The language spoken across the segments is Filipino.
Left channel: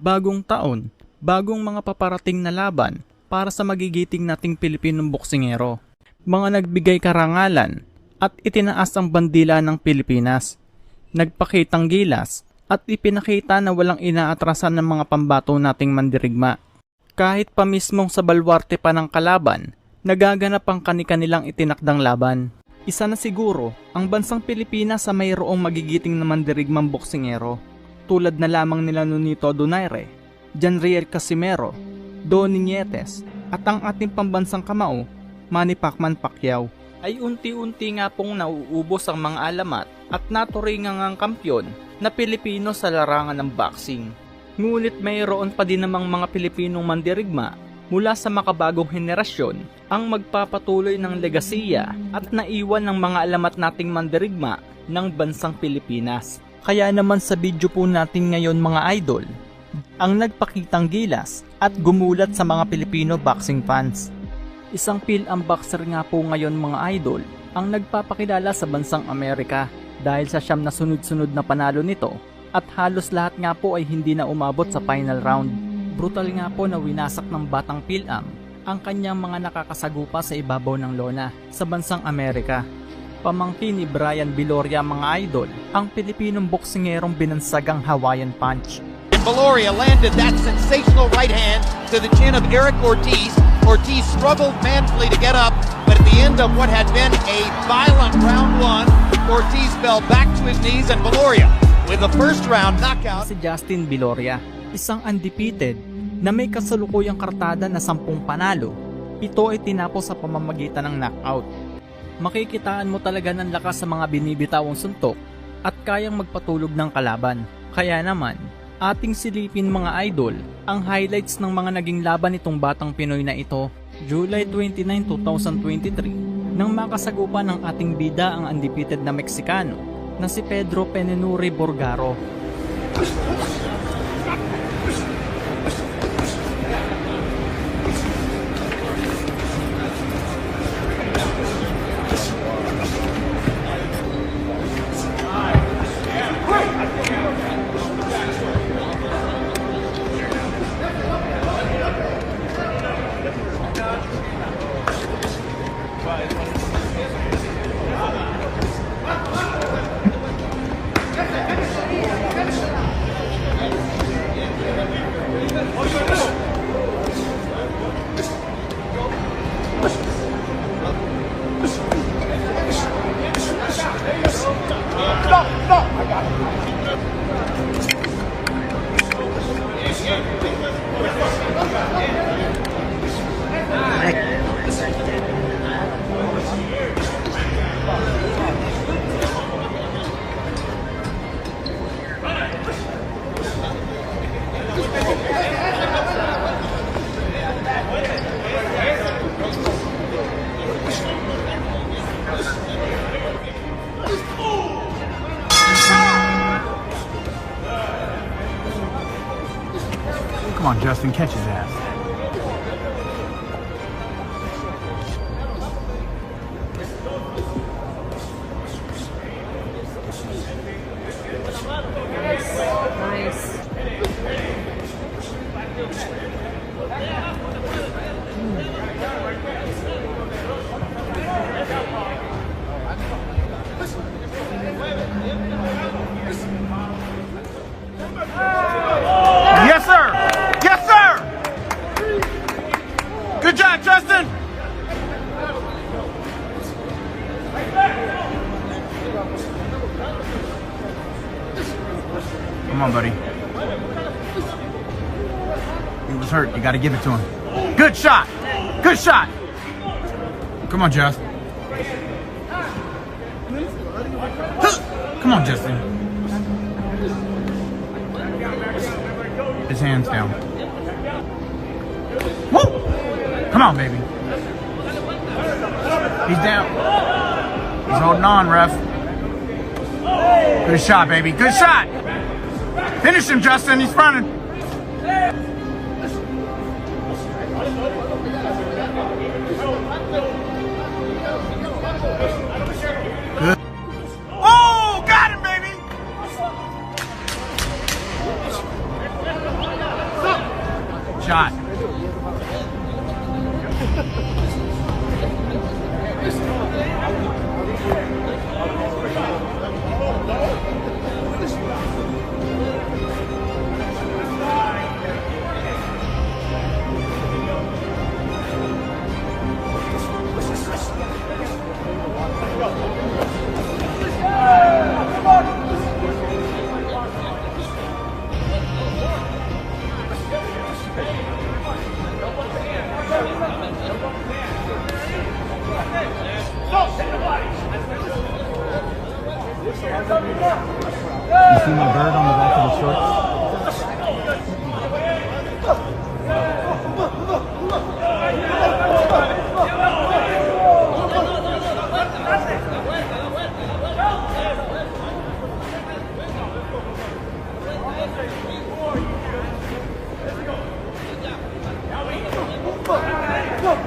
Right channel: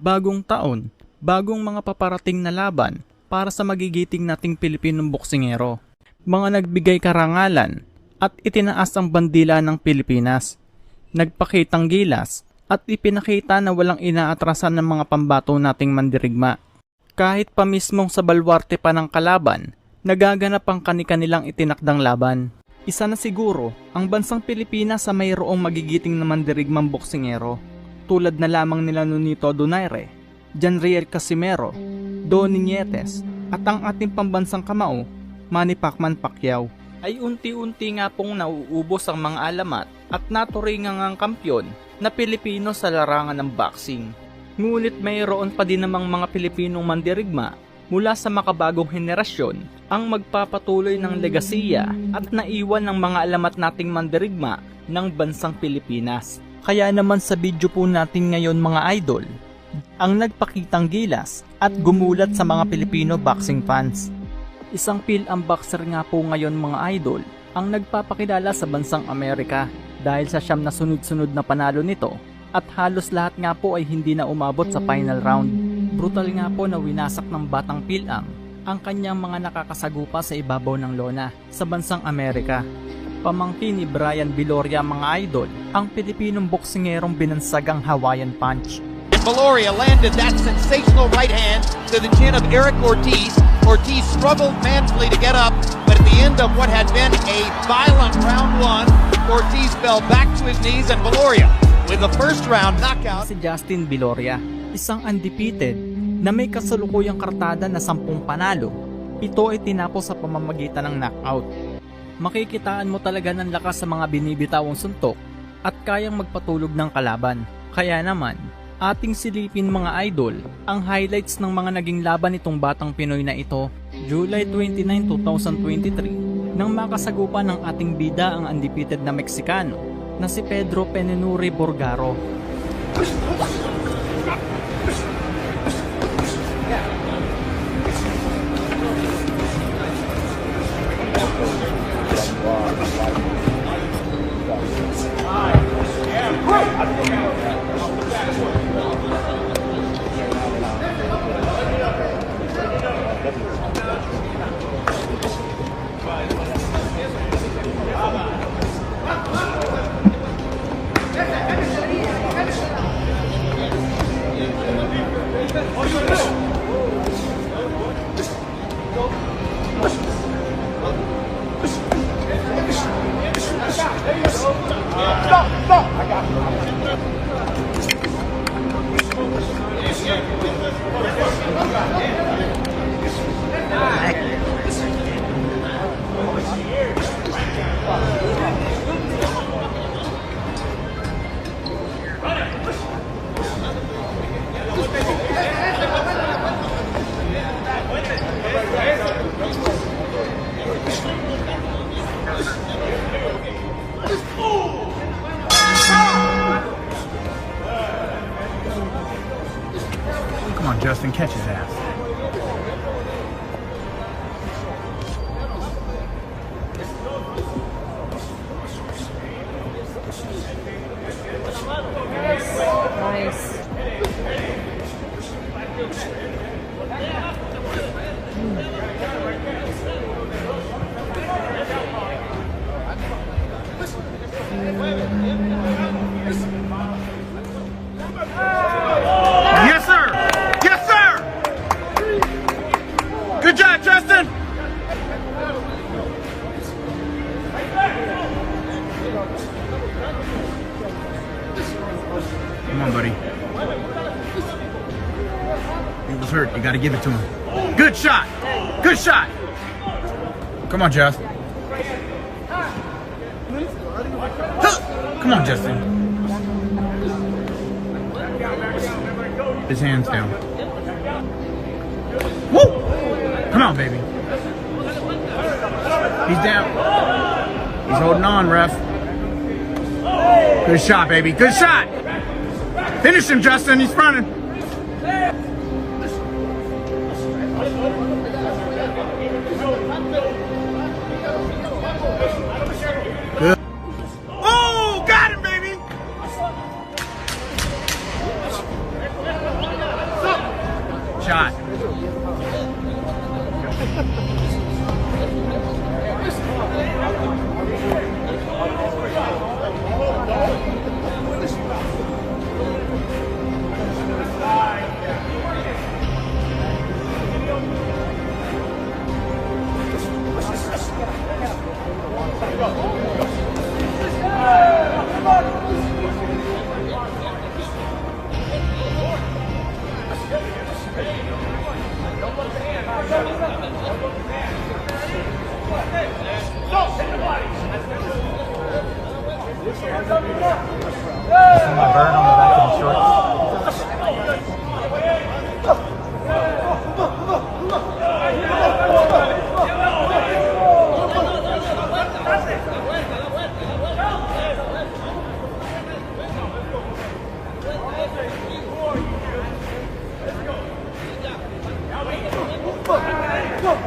Bagong taon, bagong mga paparating na laban para sa magigiting nating Pilipinong boksingero. Mga nagbigay karangalan at itinaas ang bandila ng Pilipinas. Nagpakitang gilas at ipinakita na walang inaatrasan ng mga pambato nating mandirigma. Kahit pa mismong sa balwarte pa ng kalaban, nagaganap ang kani-kanilang itinakdang laban. Isa na siguro ang bansang Pilipinas sa mayroong magigiting na mandirigmang boksingero. Tulad na lamang nila Nonito Donaire, Janriel Casimero, Donnie Nietes, at ang ating pambansang kamao, Manny Pacquiao, ay unti-unti nga pong nauubos ang mga alamat at naturingang ang kampyon na Pilipino sa larangan ng boxing. Ngunit mayroon pa din namang mga Pilipinong mandirigma mula sa makabagong henerasyon ang magpapatuloy ng legasiya at naiwan ng mga alamat nating mandirigma ng bansang Pilipinas. Kaya naman sa video po natin ngayon mga idol, ang nagpakitang gilas at gumulat sa mga Pilipino boxing fans. Isang PhilAm boxer nga po ngayon mga idol ang nagpapakilala sa bansang Amerika dahil sa siyam na sunod-sunod na panalo nito at halos lahat nga po ay hindi na umabot sa final round. Brutal nga po na winasak ng batang PhilAm ang kanyang mga nakakasagupa sa ibabaw ng lona sa bansang Amerika. Pamangkin ni Brian Viloria mga idol, ang Pilipinong boksingerong binansagang Hawaiian Punch. Viloria landed that sensational right hand to the chin of Eric Ortiz. Ortiz struggled manfully to get up, but at the end of what had been a violent round one, Ortiz fell back to his knees and Viloria with the first round knockout. Si Justin Viloria, isang undefeated na may kasalukuyang kartada na 10 panalo, 7 ay tinapos sa pamamagitan ng knockout. Makikitaan mo talaga ng lakas sa mga binibitawang suntok at kayang magpatulog ng kalaban. Kaya naman, ating silipin mga idol ang highlights ng mga naging laban nitong batang Pinoy na ito. July 29, 2023, nang makasagupa ng ating bida ang undefeated na Meksikano na si Pedro Penenuri Borgaro. Come on, Justin, catch his ass. Nice. Yes, sir! Yes, sir! Good job, Justin! Come on, buddy. He was hurt. You got to give it to him. Good shot! Good shot! Come on, Justin. Come on, Justin. His hands down. Woo! Come on, baby. He's down. He's holding on, ref. Good shot, baby. Good shot. Finish him, Justin. He's running. Good. Oh, got him, baby. shot.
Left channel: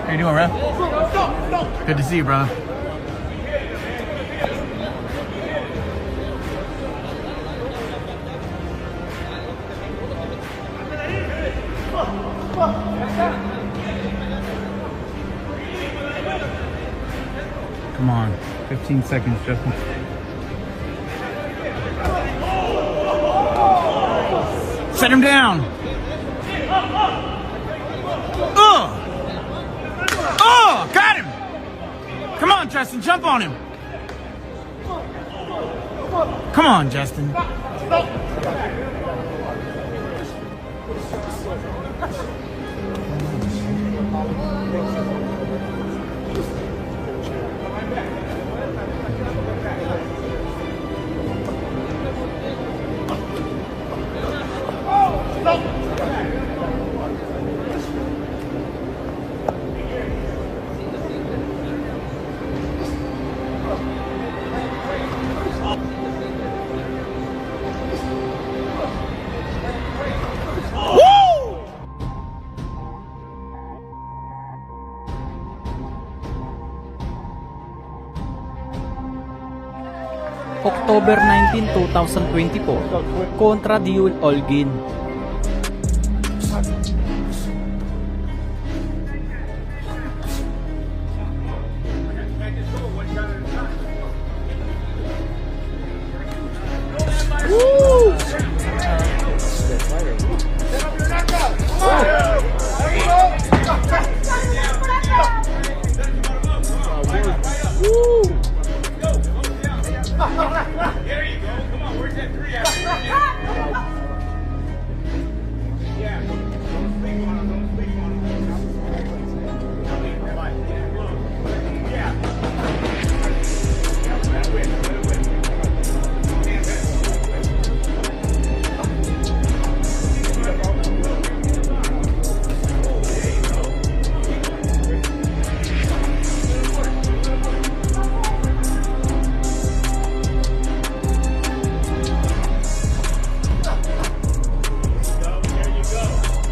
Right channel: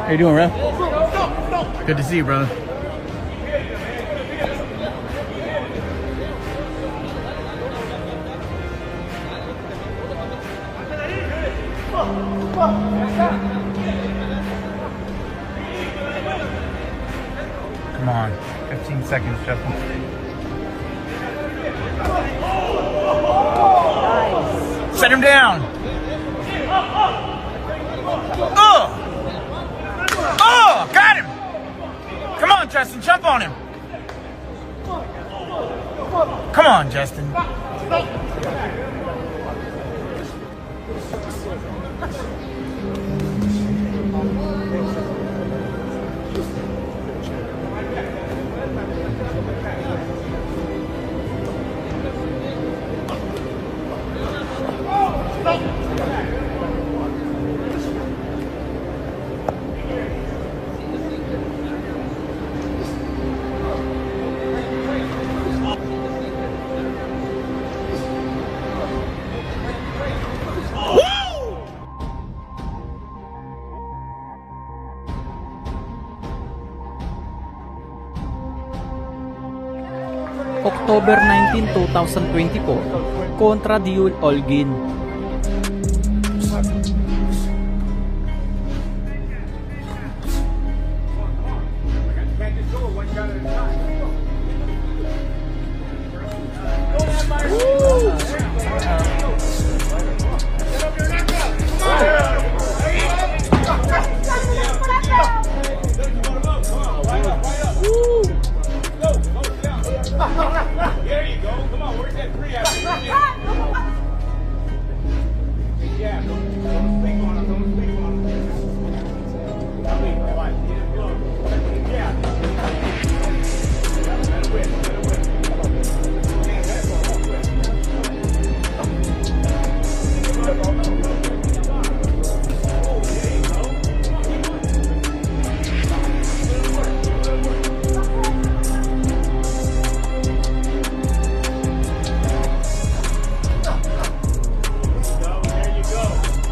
How you doing, Ref? Good to see you, brother. Come on, 15 seconds, Justin. Set him down. Oh, got him. Come on, Justin, jump on him. Come on, Justin. October 19, 2024, kontra Diul Olgin. There you go. Come on, where's that three at? Yeah, don't sleep on him. Don't sleep on him. Yeah. Yeah, let it win. Let it win. Can't have it. There you go.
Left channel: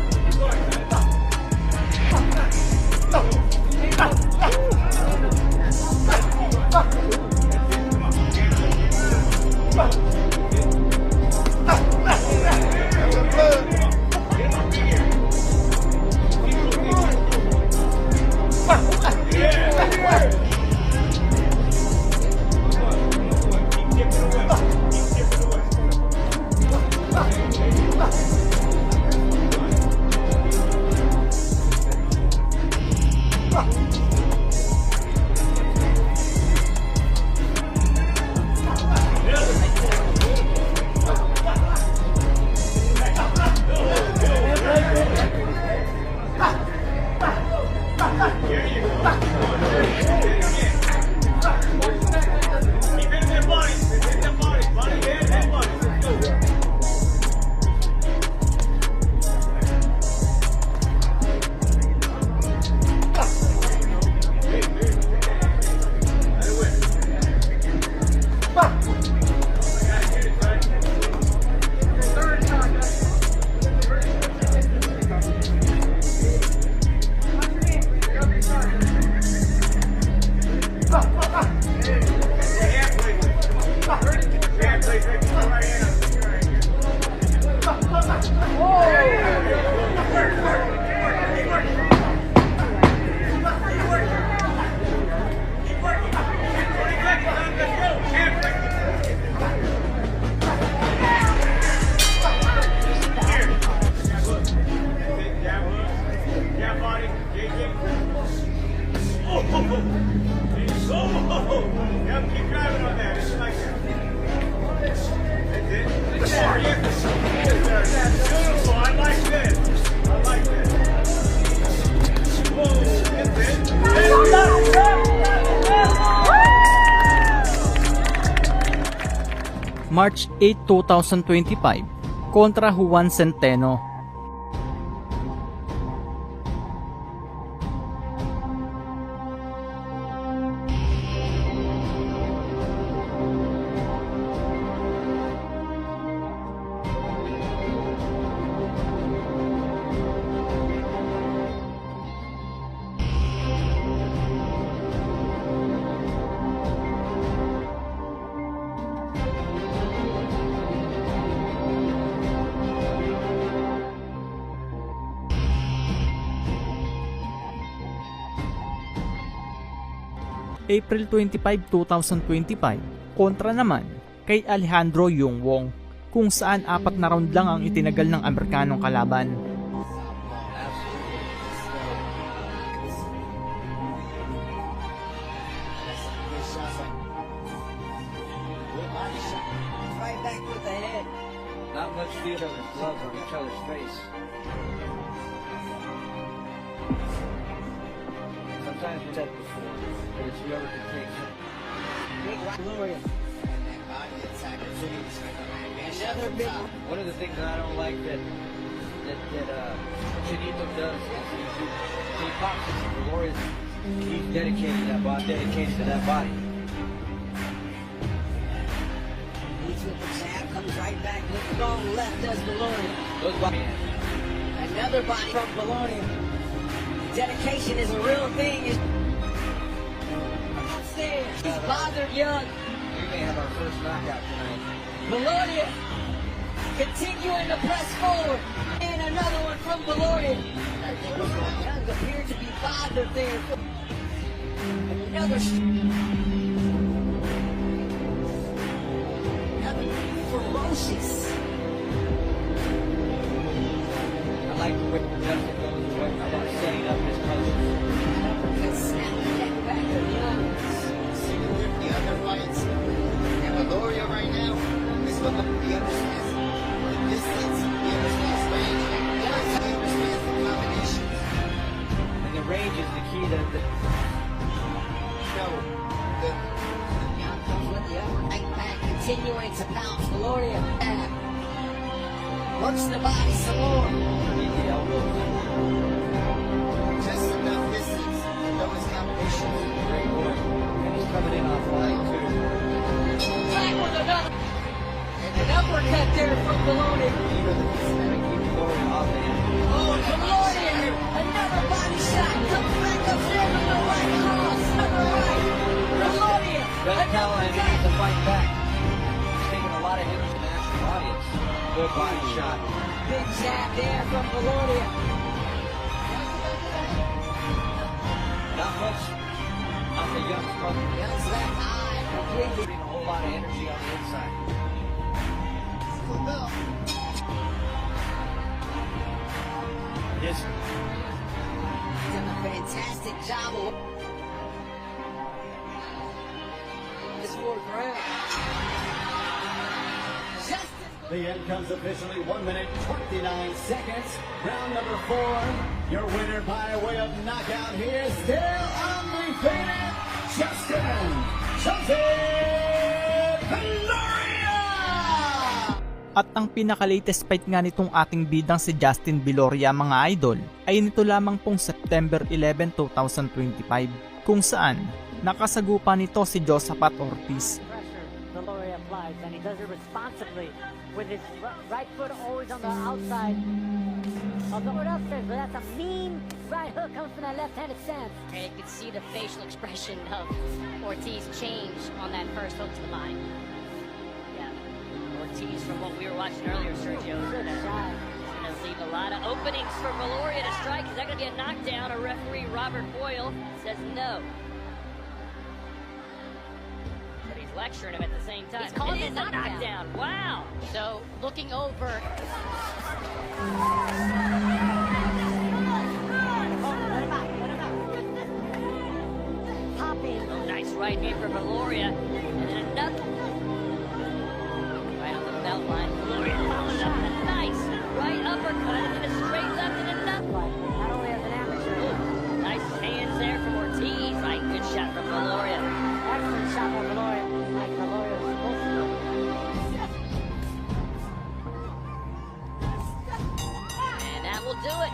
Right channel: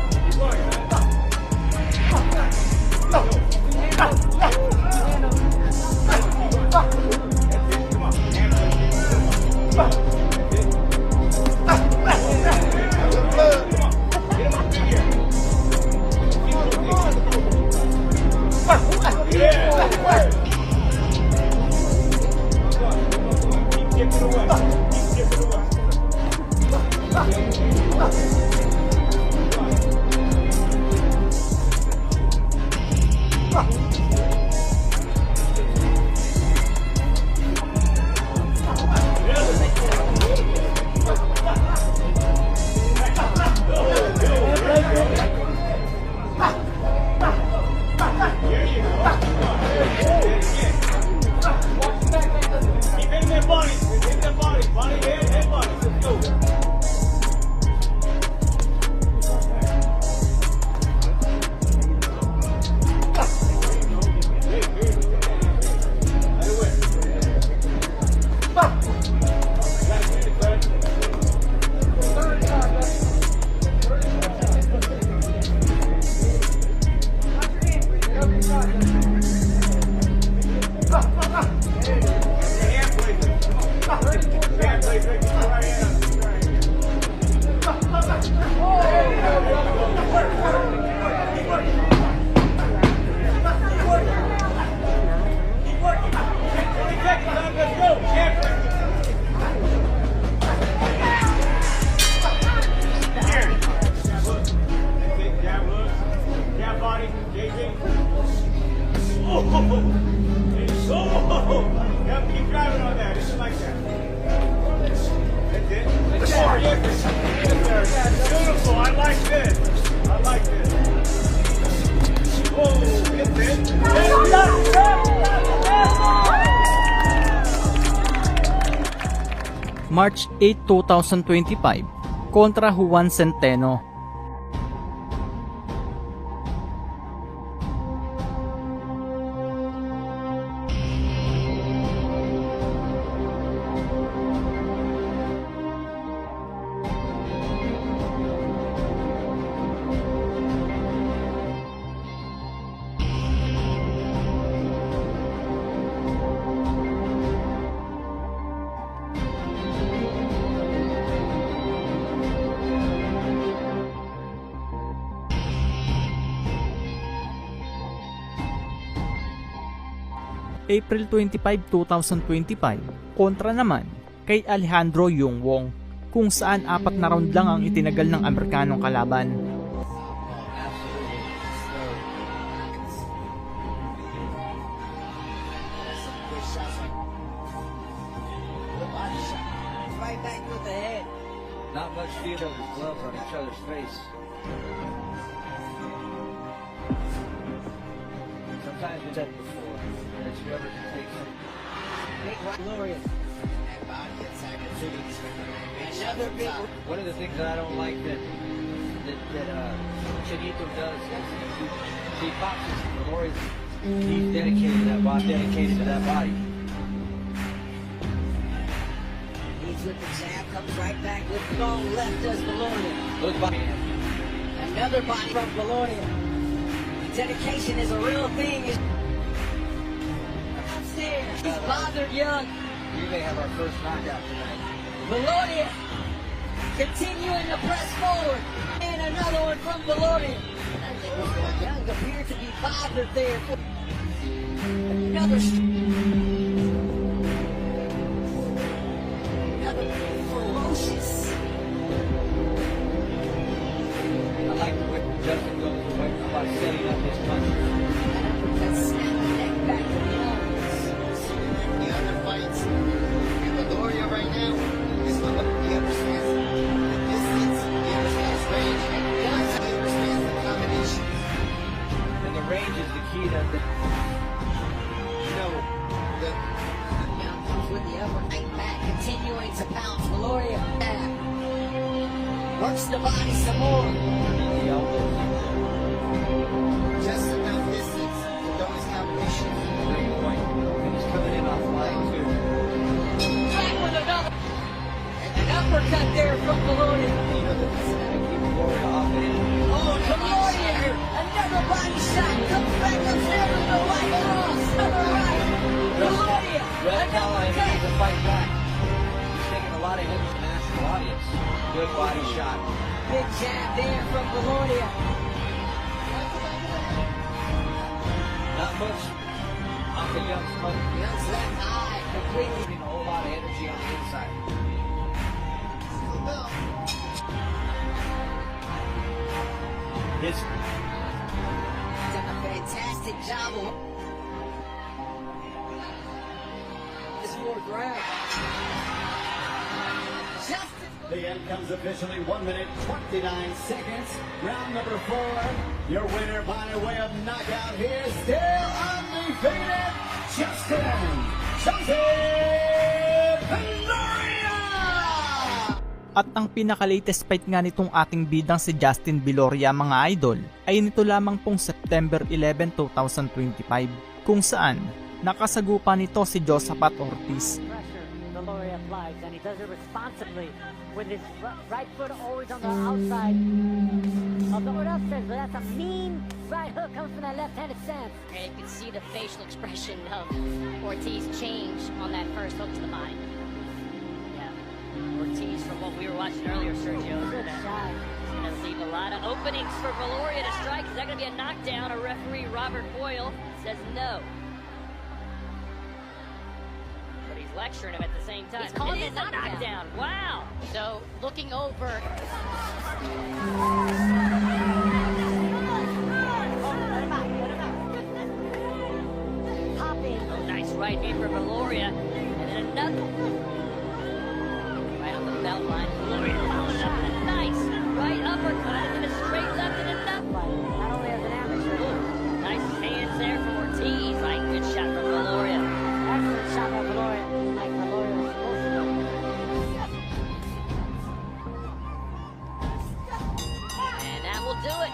March 8, 2025 kontra Juan Centeno. April 25, 2025 kontra naman kay Alejandro Yung Wong, kung saan 4 na round lang ang itinagal ng Amerikanong kalaban. Right back with the head. Not much feel each other's gloves on each other's face. Sometimes we said it before, but it's whoever can take it. Gloria. Another big One of the things that I don't like that Shanita does is he boxes. Valoria's he's dedicated to that body. Dedicated to that body. He's with the jab, comes right back with strong left, does Gloria. Look, man. Another body from Gloria. Dedication is a real thing. He's bothered young. We may have our first knockout tonight. Gloria continuing to press forward. And another one from Gloria. Young appeared to be bothered there. Another ferocious. I like the way Justin goes about setting up his punches. The other fights, Valoria right now is the understands the distance, he understands range, he understands the combination. And the range is the key to the Now comes with the upper right back, continuing to pounce Gloria back. Works the body some more. underneath the elbows. Just enough distance for those combinations. And he's coming in off line too. Back with another. And an uppercut there from Gloria. And keep Gloria off the end. Oh, come on here. Another body shot. Comes back up there with the right cross. To the right. Gloria. Red Cow and Another he's cut. fighting back. He's taking a lot of hits from the national audience. Good body shot. Big jab there from Gloria. Not much off the Young's punch. Young's left eye completely. Putting a whole lot of energy on the inside. It's Done a fantastic job of this fourth round. Justin. The end comes officially 1 minute 29 seconds. Round number 4. Your winner by way of knockout here, still undefeated, Justin Viloria! At ang pinaka-latest fight nga nitong ating bidang si Justin Viloria, mga idol, ay nito lamang pong September 11, 2025, kung saan nakasagupa nito si Josaphat Ortiz. Pressure Viloria applies, and he does it responsibly with his right foot always on the outside of the outside. But that's a mean right hook coming from that left-handed stance. And you can see the facial expression of Ortiz change on that first hook to the body. Yeah, Ortiz, from what we were watching earlier, Sergio, is Good shot. going to leave a lot of openings for Viloria to strike. Is that going to be a knockdown? Or referee Robert Boyle says no. But he's lecturing him at the same time. He's calling it it is a knockdown. Wow. So looking over. Popping. Oh, nice right hand for Viloria. And then another. Right on the belt line. Viloria follows up with a nice right uppercut and then a straight left and another. But not only as an amateur, Ooh, nice hands there from Ortiz. Right, good shot from Viloria. excellent shot by Viloria, like Viloria was supposed to do. do it.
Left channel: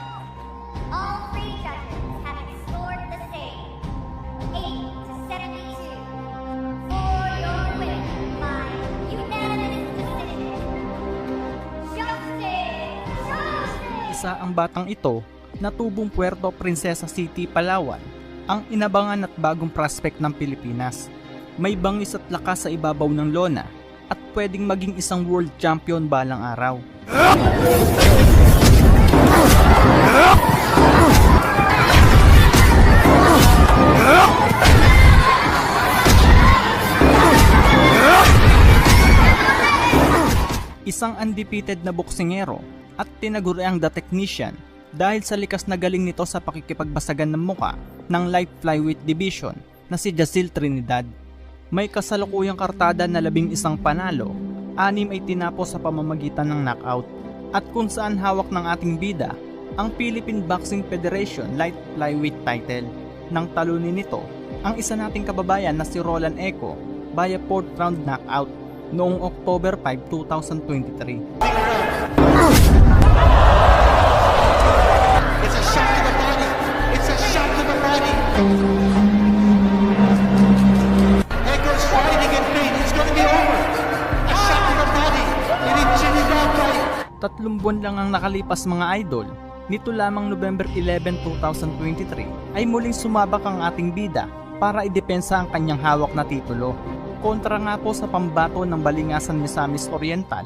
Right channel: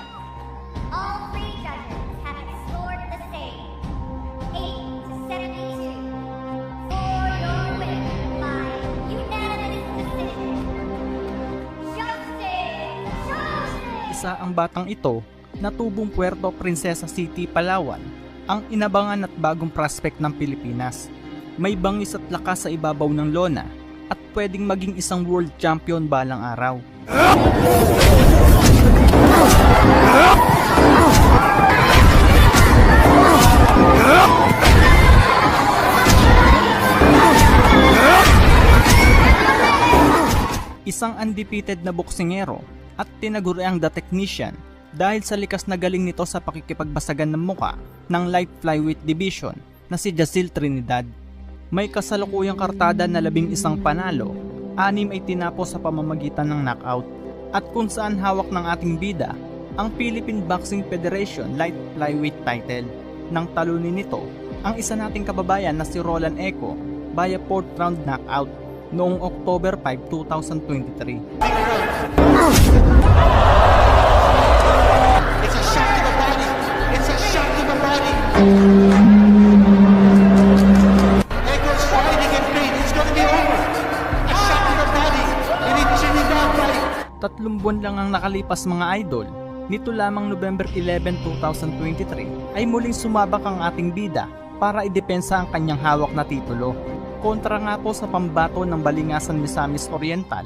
All three judges have scored the same, 8-72, for your win by unanimous decision. Justin Johnson! Isa ang batang ito na tubong Puerto Princesa City, Palawan, ang inabangan at bagong prospect ng Pilipinas. May bangis at lakas sa ibabaw ng lona at pwedeng maging isang world champion balang araw. Isang undefeated na boksingero at tinaguriang The Technician dahil sa likas na galing nito sa pakikipagbasagan ng muka ng light flyweight division na si Jacil Trinidad. May kasalukuyang kartada na 11 panalo, 6 ay tinapos sa pamamagitan ng knockout, at kung saan hawak ng ating bida ang Philippine Boxing Federation light flyweight title. Nang talunin nito ang isa nating kababayan na si Roland Eco via 4th round knockout noong October 5, 2023. It's a shot to the body. It's a shot to the body. Echo's fighting in pain. It's going to be over. A shot to the body. And he chinning down right. 3 buwan lang ang nakalipas mga idol. Nito lamang November 11, 2023 ay muling sumabak ang ating bida para idepensa ang kanyang hawak na titulo. Kontra nga po sa pambato ng Balingasan Misamis Oriental,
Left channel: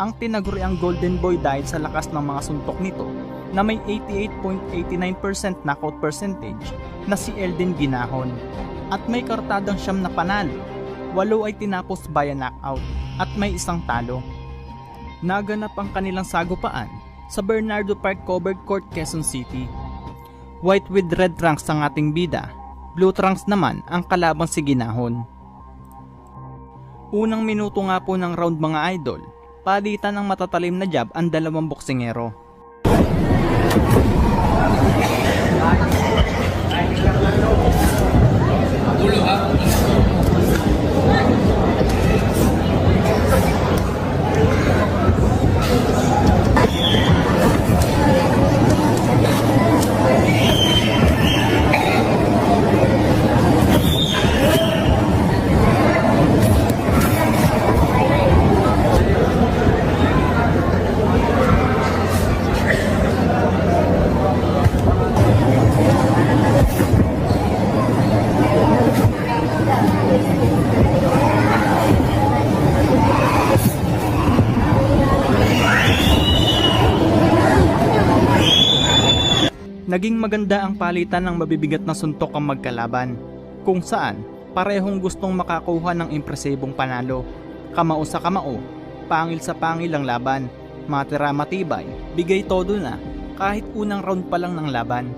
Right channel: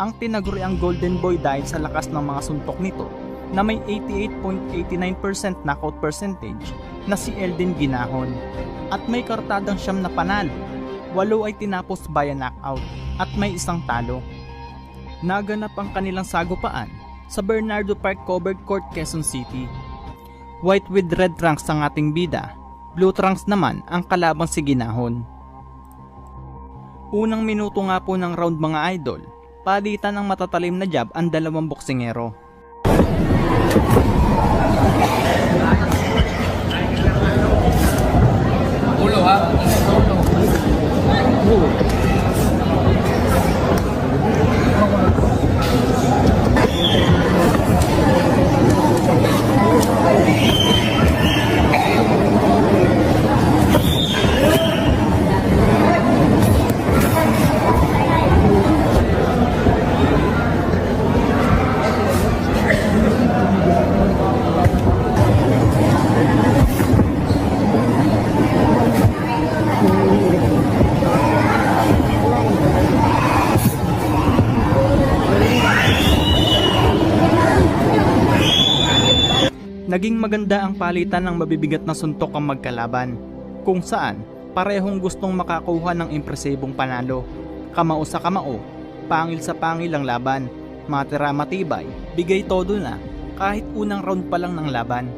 ang tinaguriang Golden Boy dahil sa lakas ng mga suntok nito na may 88.89% knockout percentage na si Eldin Ginahon. At may kartadang 9 na panalo, 8 ay tinapos via knockout at may 1 talo. Naganap ang kanilang sagupaan sa Bernardo Park Covered Court, Quezon City. White with red trunks ang ating bida, blue trunks naman ang kalabang si Ginahon. Unang minuto nga po ng round mga idol, palitan ng matatalim na jab ang dalawang boksingero. Naging maganda ang palitan ng mabibigat na suntok ang magkalaban, kung saan parehong gustong makakuha ng impresibong panalo. Kamao sa kamao, pangil sa pangil ang laban, matira matibay, bigay todo na kahit unang round pa lang ng laban.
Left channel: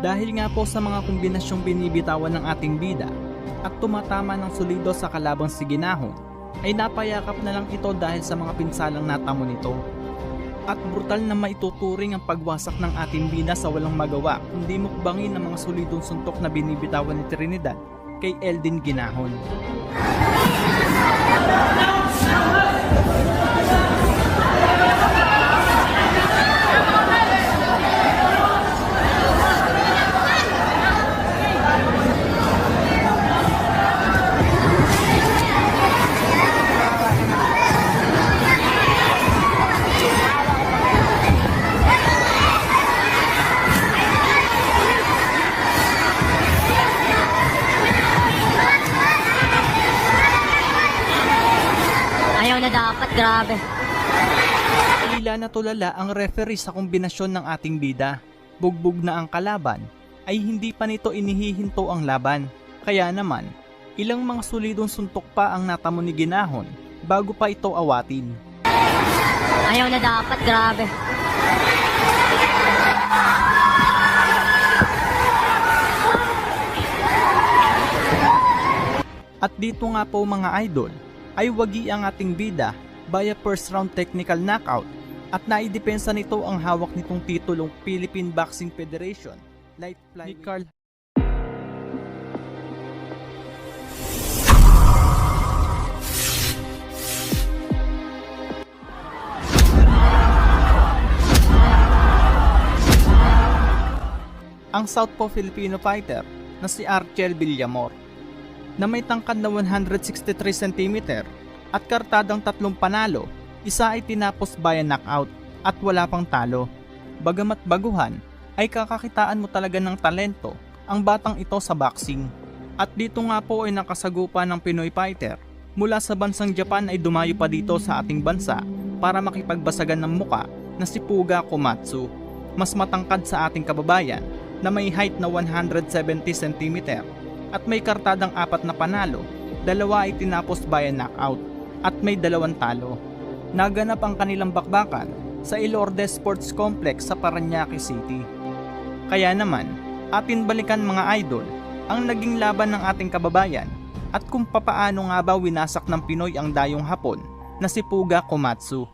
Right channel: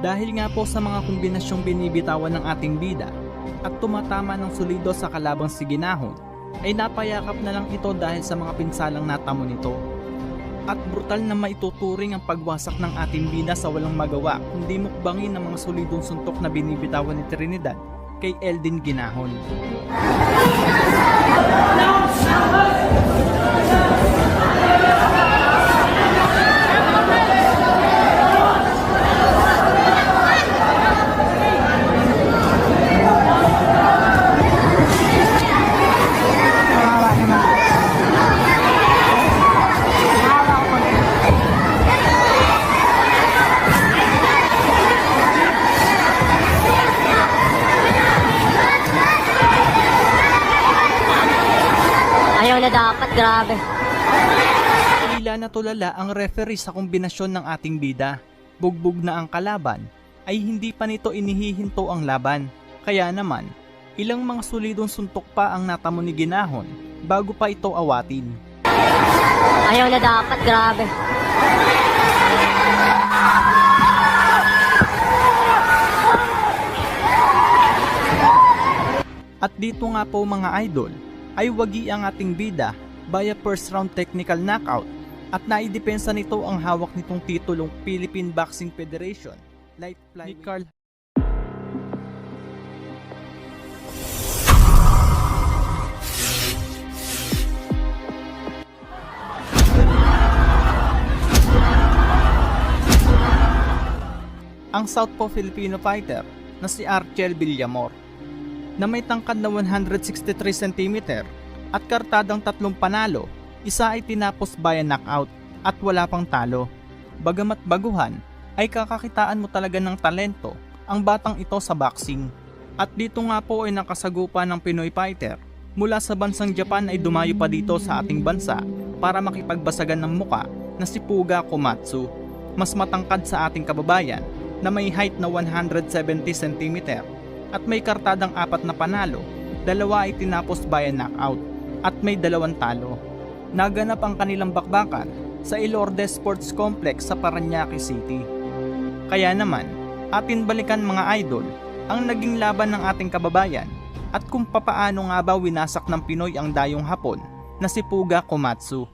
Dahil nga po sa mga kombinasyong binibitawan ng ating bida at tumatama ng solido sa kalabang si Ginahon, ay napayakap na lang ito dahil sa mga pinsalang natamo nito. At brutal na maituturing ang pagwasak ng ating bida sa walang magawa kundi mukbangin ng mga solidong suntok na binibitawan ni Trinidad kay Eldin Ginahon. Ayaw na dapat, grabe. Tila natulala ang referee sa kombinasyon ng ating bida. Bugbog na ang kalaban, ay hindi pa nito inihihinto ang laban. Kaya naman, ilang mga solidong suntok pa ang natamo ni Ginahon bago pa ito awatin. Ayaw na dapat, grabe. At dito nga po mga idol, ay wagi ang ating bida via first round technical knockout at naidepensa nito ang hawak nitong titulong Philippine Boxing Federation light flyweight ni Carl. Ang Southpaw Filipino fighter na si Archel Villamor na may tangkad na 163 cm at kartadang 3 panalo, isa ay tinapos via knockout at wala pang talo. Bagamat baguhan, ay kakakitaan mo talaga ng talento ang batang ito sa boxing. At dito nga po ay nakasagupa ng Pinoy fighter mula sa bansang Japan ay dumayo pa dito sa ating bansa para makipagbasagan ng muka na si Puga Komatsu. Mas matangkad sa ating kababayan na may height na 170 cm at may kartadang 4 na panalo, 2 ay tinapos via knockout at may 2 talo. Naganap ang kanilang bakbakan sa Ilordes Sports Complex sa Parañaque City. Kaya naman, atin balikan mga idol ang naging laban ng ating kababayan at kung papaano nga ba winasak ng Pinoy ang dayong Hapon na si Puga Komatsu.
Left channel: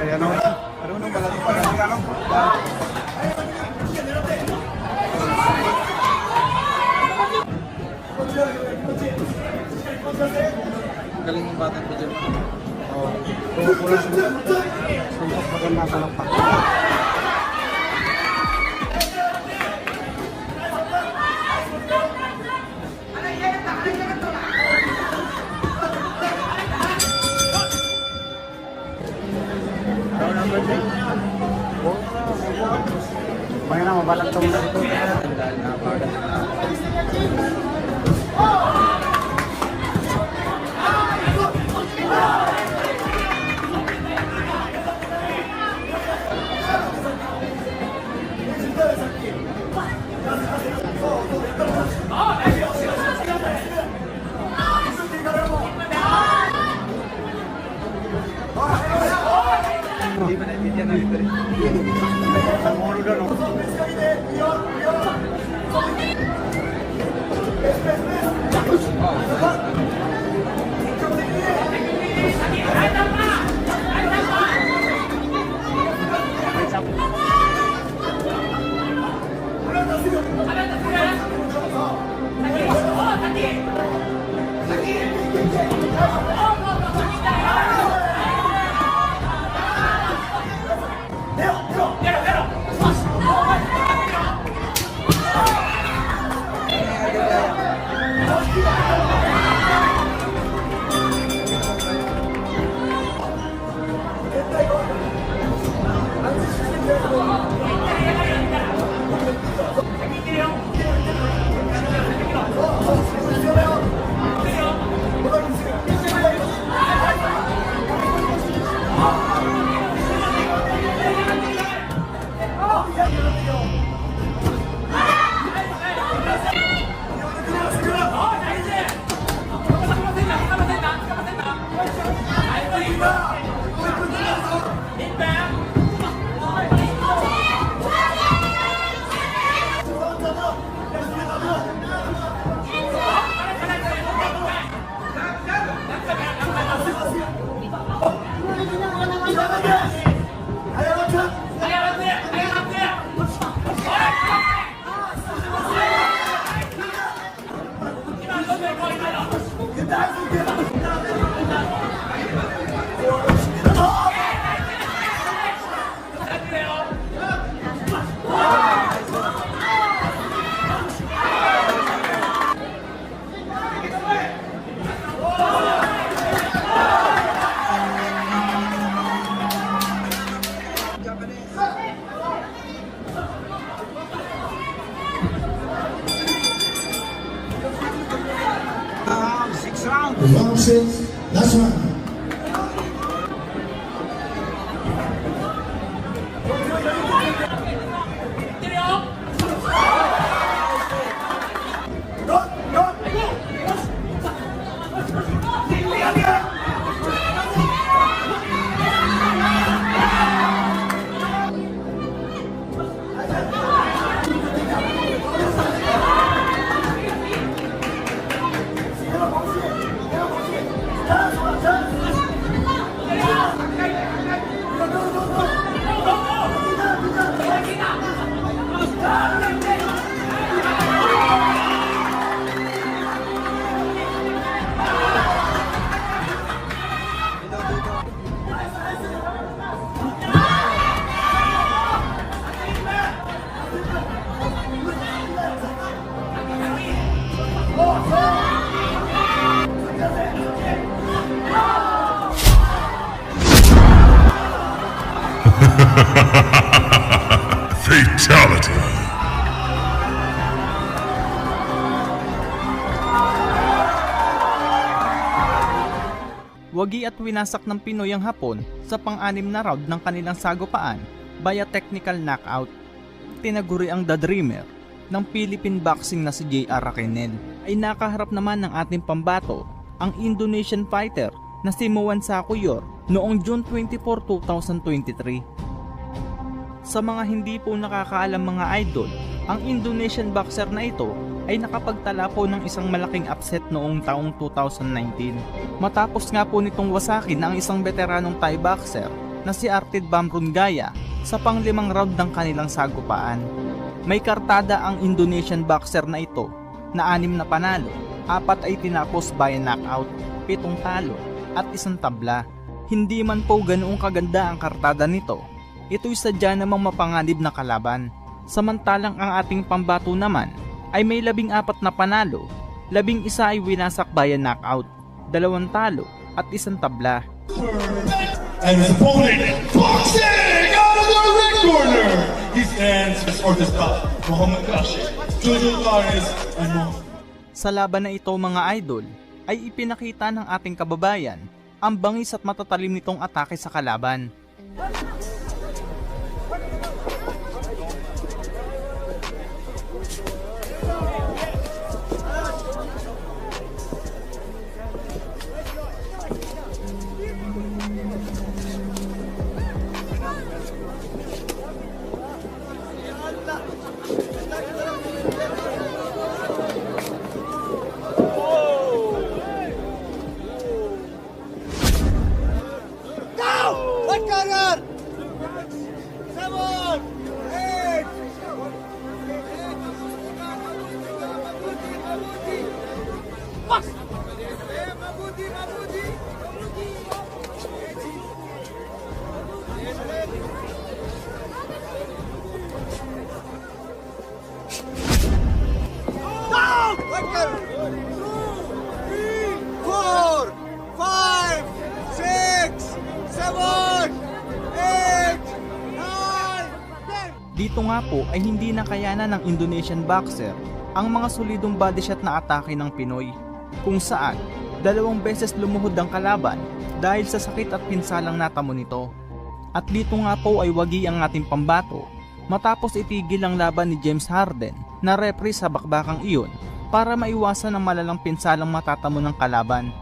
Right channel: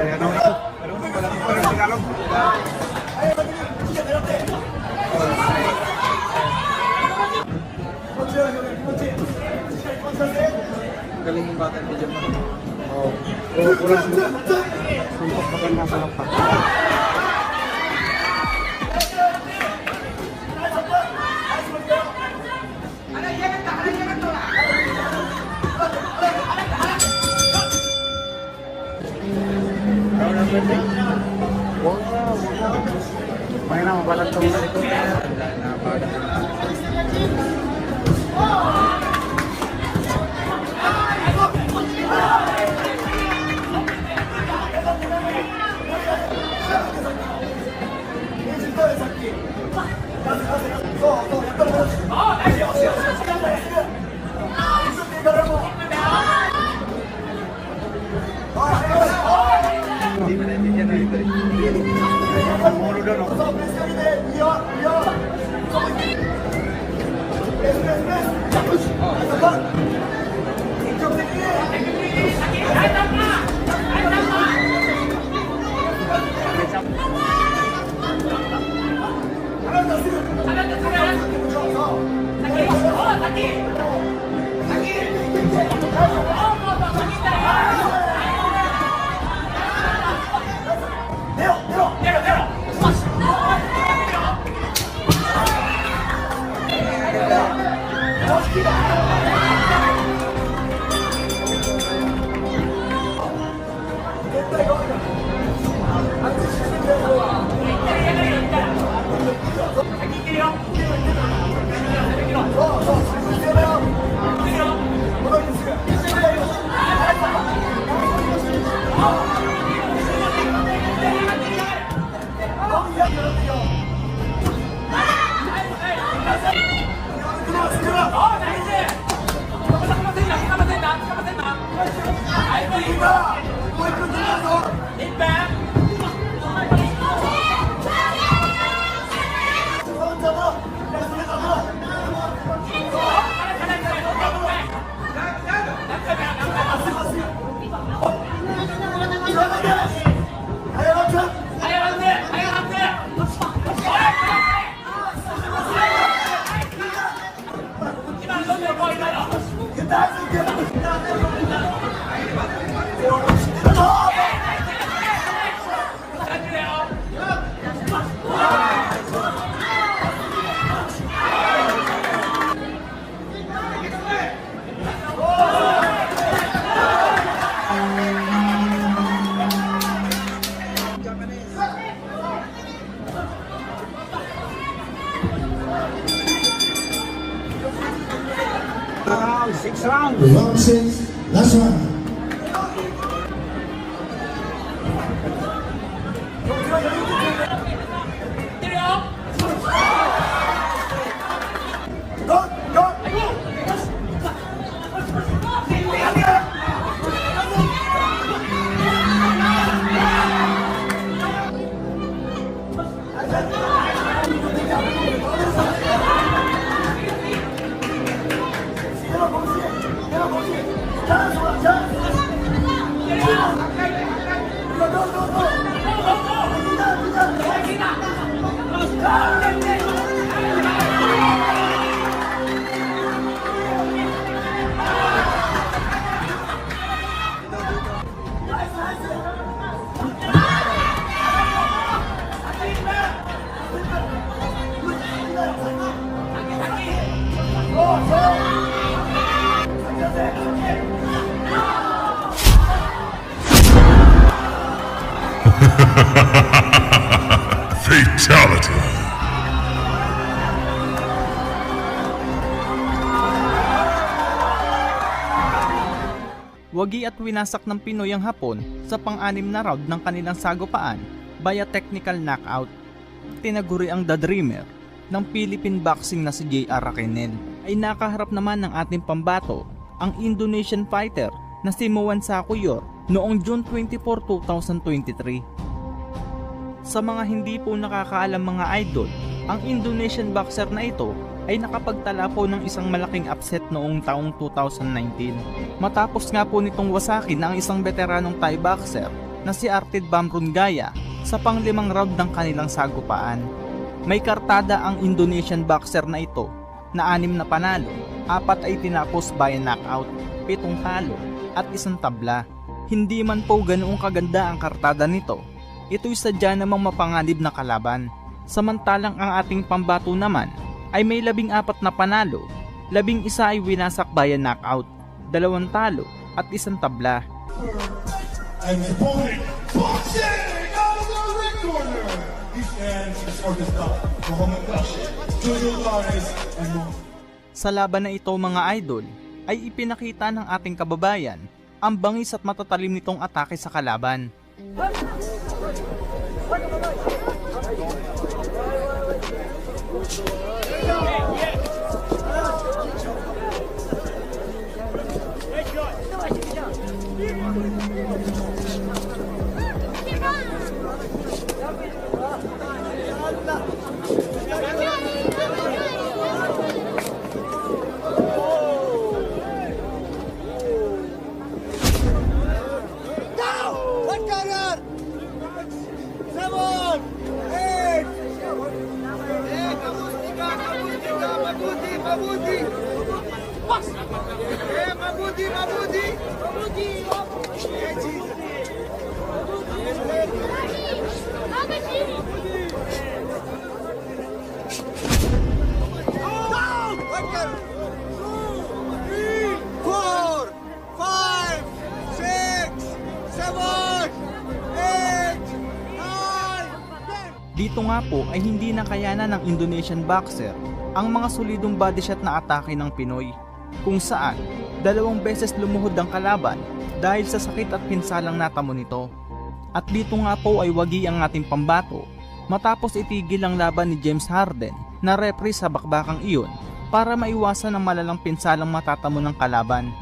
Ayan o. Galing yung batang pijama. Oo. Oo, kulang. Sumpok maganda kulang pa. May na mabalag ka muna ito. Round 6, last round. Fatality. Wagi at winasak ng Pinoy ang Hapon sa pang-anim na round ng kanilang sagupaan via technical knockout. Tinaguri ang The Dreamer ng Philippine boxing na si J.R. Raquenel ay nakaharap naman ng ating pambato, ang Indonesian fighter na si Muwan Sakuyor noong June 24, 2023. Sa mga hindi po nakakaalam mga idol, ang Indonesian boxer na ito ay nakapagtala po ng isang malaking upset noong taong 2019. Matapos nga po nitong wasakin ang isang veteranong Thai boxer na si Artid Bamrunggaya sa pang-5 round ng kanilang sagupaan. May kartada ang Indonesian boxer na ito na 6 na panalo, 4 ay tinapos by knockout, 7 talo at 1 tabla. Hindi man po ganoong kaganda ang kartada nito, ito'y sadya namang mapanganib na kalaban. Samantalang ang ating pambato naman ay may 14 na panalo, 11 ay winasak by knockout, 2 talo at 1 tabla. And his opponent, boxing out of the red corner. He stands for the stop. Muhammad Rashid, Jojo Flores, and more. Sa laban na ito mga idol, ay ipinakita ng ating kababayan ang bangis at matatalim nitong atake sa kalaban. Dito nga po ay hindi nakayanan ng Indonesian boxer ang mga solidong body shot na atake ng Pinoy, kung saan 2 beses lumuhod ang kalaban dahil sa sakit at pinsalang natamo nito. At dito nga po ay wagi ang ating pambato matapos itigil ang laban ni James Harden na referee sa bakbakang iyon para maiwasan ang malalang pinsalang matatamo ng kalaban.